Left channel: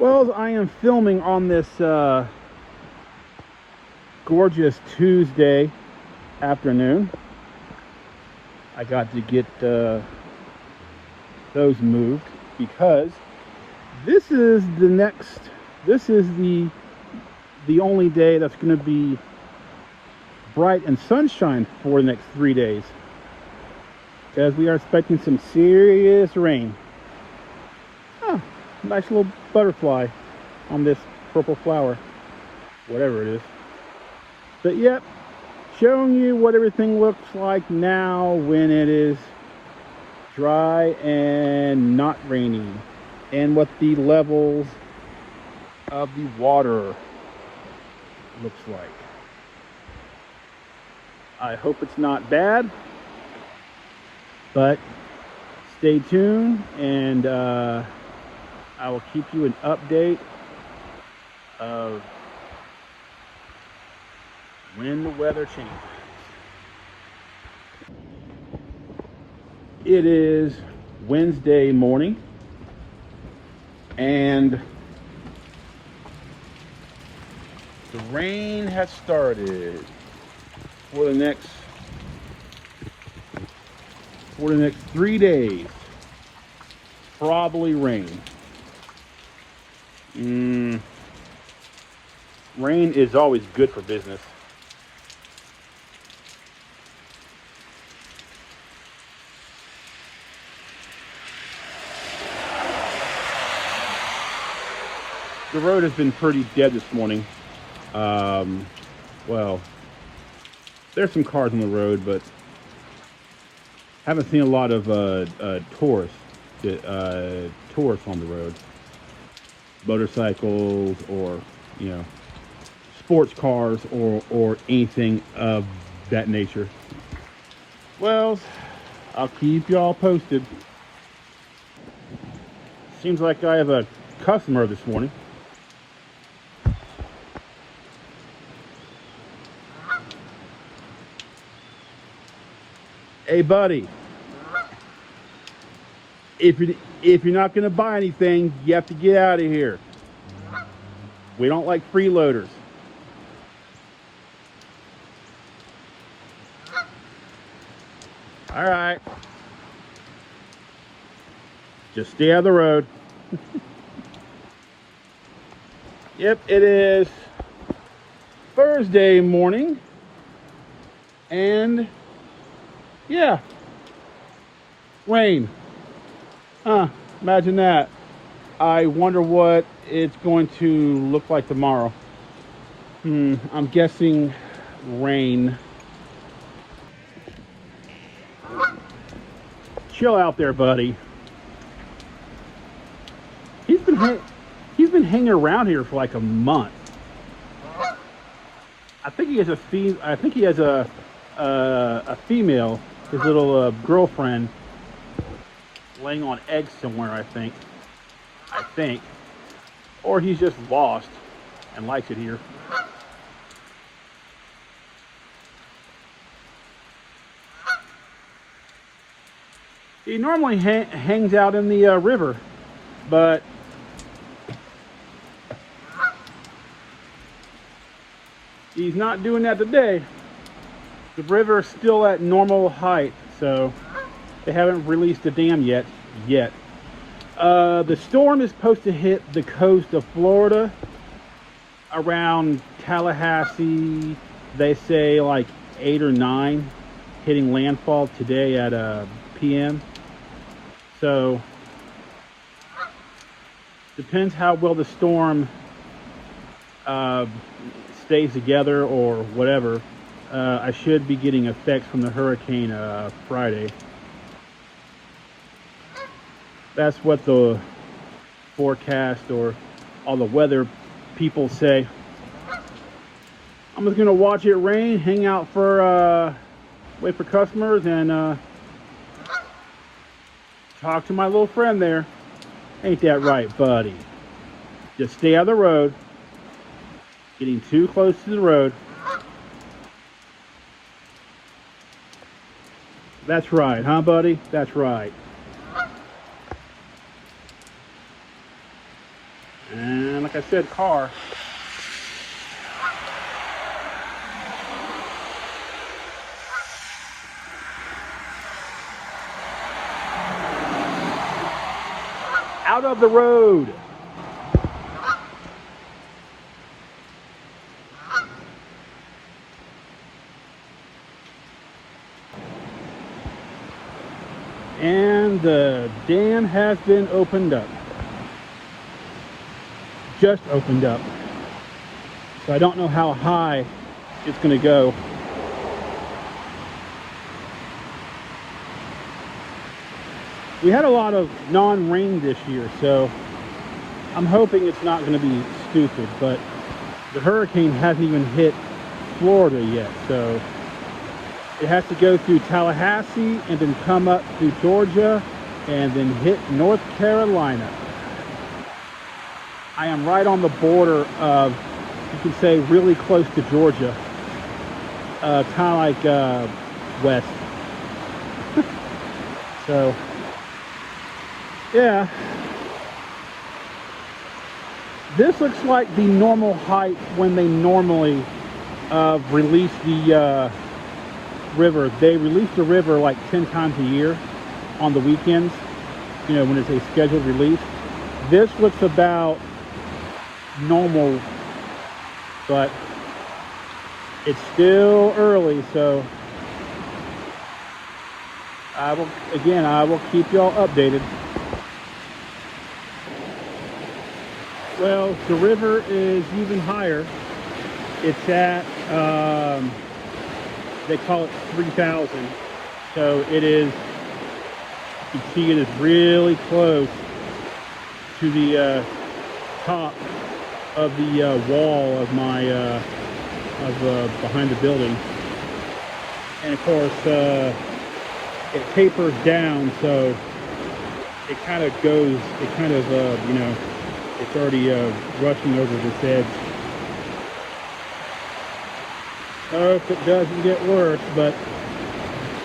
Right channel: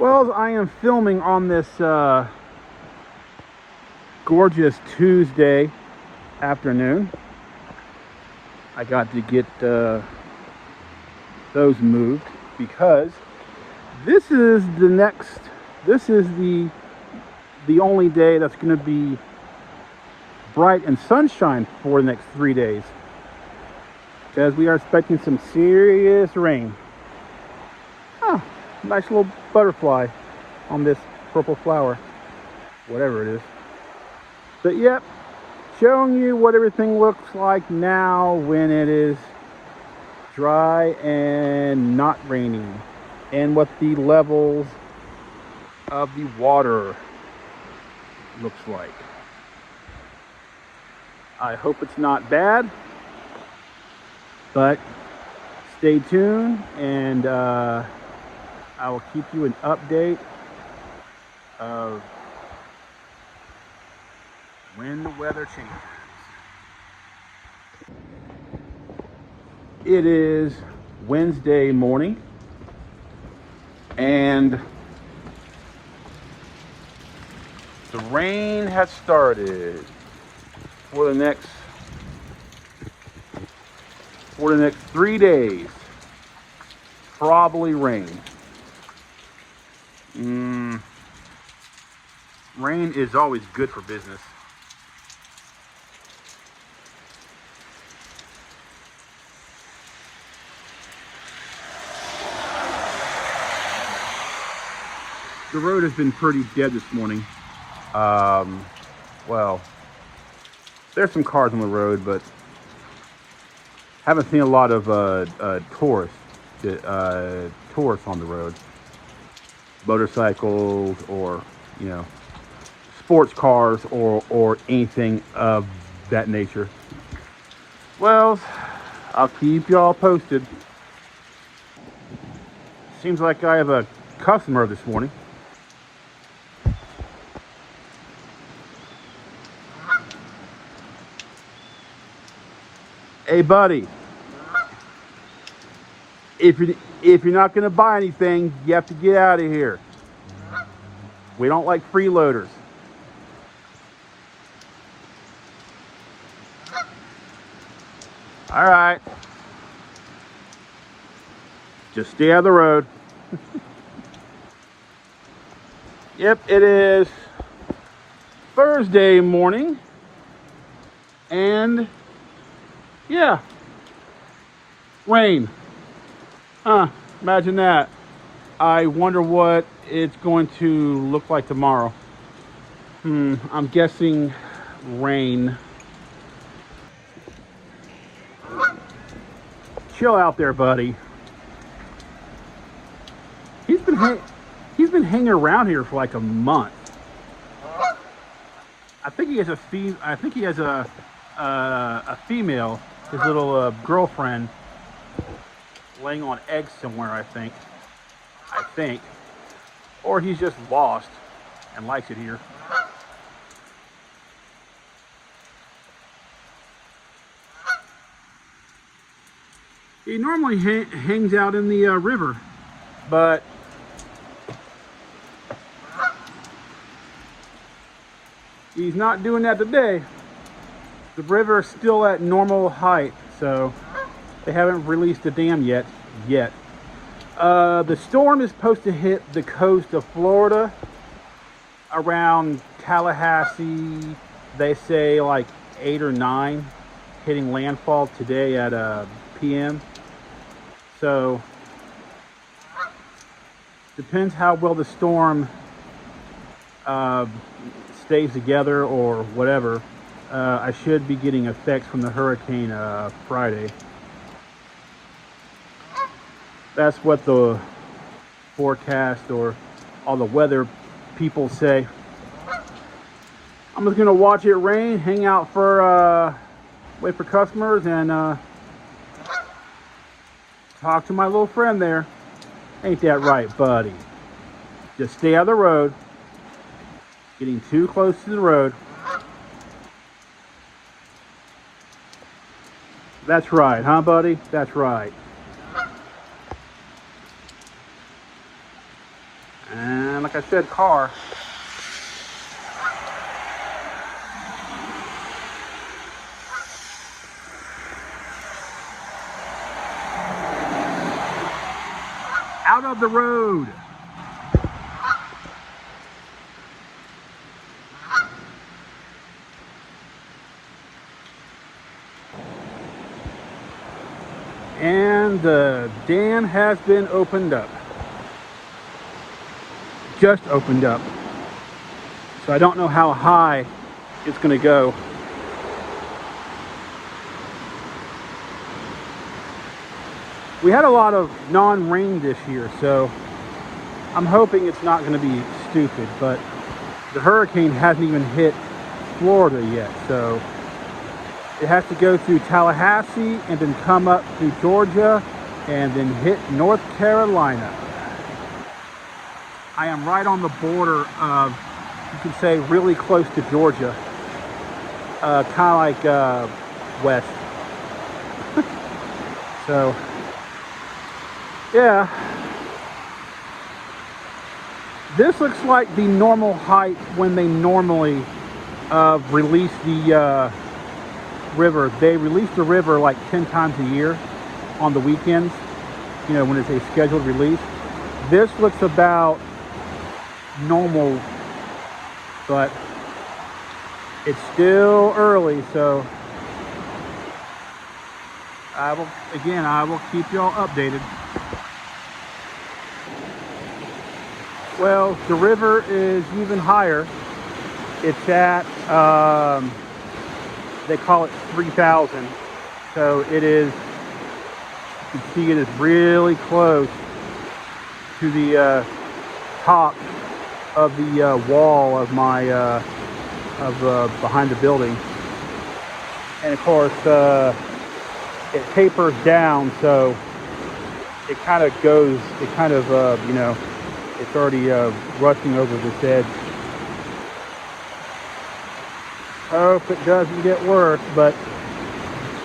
Well, I am filming on this gorgeous Tuesday afternoon. I got to get those moved because this is the only day that's going to be bright and sunshine for the next 3 days, because we are expecting some serious rain. Oh, nice little butterfly on this purple flower, whatever it is. But yep, showing you what everything looks like now when it is dry and not raining, and what the levels of the water looks like. I hope it's not bad, but stay tuned, and I will keep you an update of when the weather changes. It is Wednesday morning, and the rain has started for the next 3 days. Probably rain. Rain is always good for business. The road has been pretty dead this morning. Well, there's some cars on the road, but haven't seen a lot of tourists on the road. Motorcycles, or sports cars, or anything of that nature. Well, I'll keep y'all posted. Seems like I have a customer this morning. Hey buddy, if you're not going to buy anything, you have to get out of here. We don't like freeloaders. All right, just stay out of the road. Yep, it is Thursday morning, and yeah, rain. Imagine that. I wonder what it's going to look like tomorrow. I'm guessing rain. Chill out there, buddy. He's been hanging around here for like a month. I think he has a female, his little girlfriend, laying on eggs somewhere, I think. Or he's just lost and likes it here. He normally hangs out in the river, but he's not doing that today. The river is still at normal height, so they haven't released the dam yet. The storm is supposed to hit the coast of Florida around Tallahassee. They say like 8 or 9, hitting landfall today at p.m. So depends how well the storm stays together or whatever. I should be getting effects from the hurricane Friday. That's what the forecast or all the weather people say. I'm just gonna watch it rain, hang out for wait for customers, and talk to my little friend there. Ain't that right, buddy? Just stay out of the road. Getting too close to the road. That's right, huh, buddy? That's right. And like I said, car. Out of the road. And the dam has been opened up. Just opened up. So I don't know how high it's going to go. We had a lot of non-rain this year, so I'm hoping it's not going to be stupid, but the hurricane hasn't even hit Florida yet, so it has to go through Tallahassee and then come up through Georgia and then hit North Carolina. I am right on the border of, you can say, really close to Georgia, kind of like west. So, yeah. This looks like the normal height when they normally release the river. They release the river like 10 times a year on the weekends, you know, when it's a scheduled release. This looks about normal, but it's still early, so I will keep y'all updated. Well, the river is even higher. It's at they call it 3,000, so it is, you can see it is really close to the top of the wall of my behind the building. And of course it tapers down, so it kind of goes, it kind of you know, it's already rushing over this edge. Hope it doesn't get worse, but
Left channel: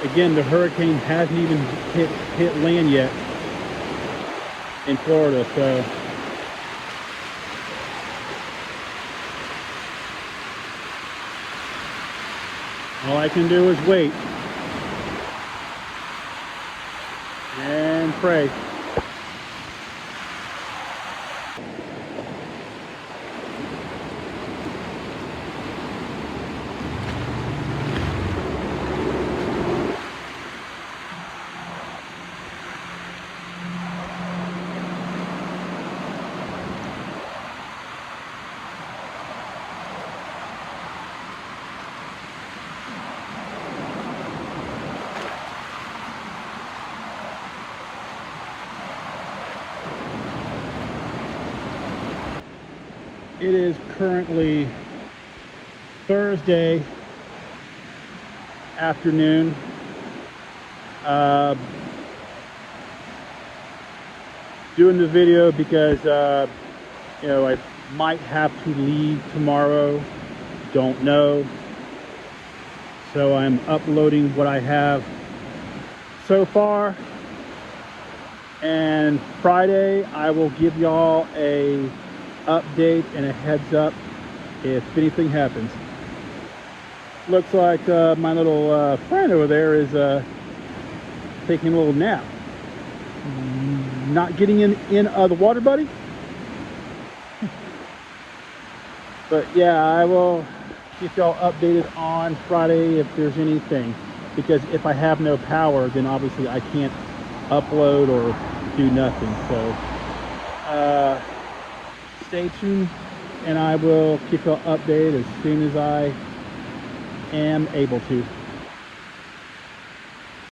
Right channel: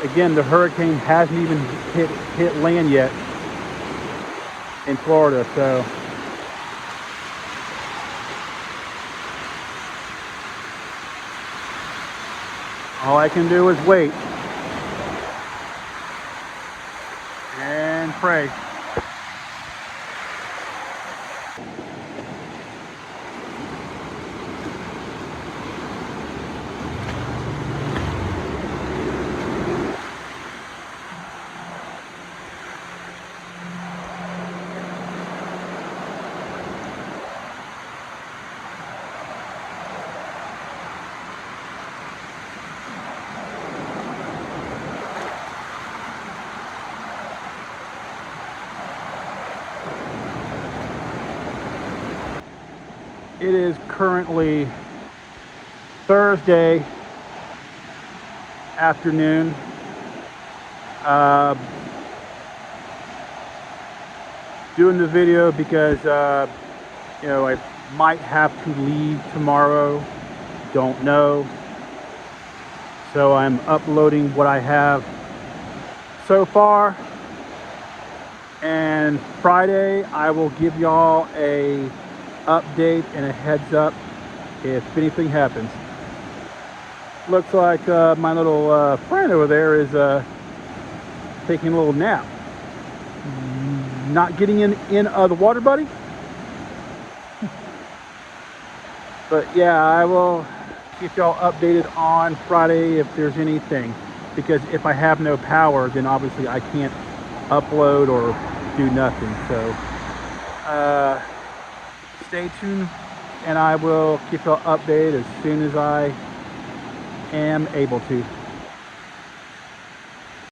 again, the hurricane hasn't even hit land yet in Florida, so all I can do is wait and pray. It is currently Thursday afternoon. Doing the video because you know, I might have to leave tomorrow, don't know. So I'm uploading what I have so far, and Friday I will give y'all a update and a heads up if anything happens. Looks like my little friend over there is taking a little nap. Not getting in the water, buddy. But yeah, I will keep y'all updated on Friday if there's anything, because if I have no power, then obviously I can't upload or do nothing. So stay tuned, and I will keep y'all updated as soon as I am able to.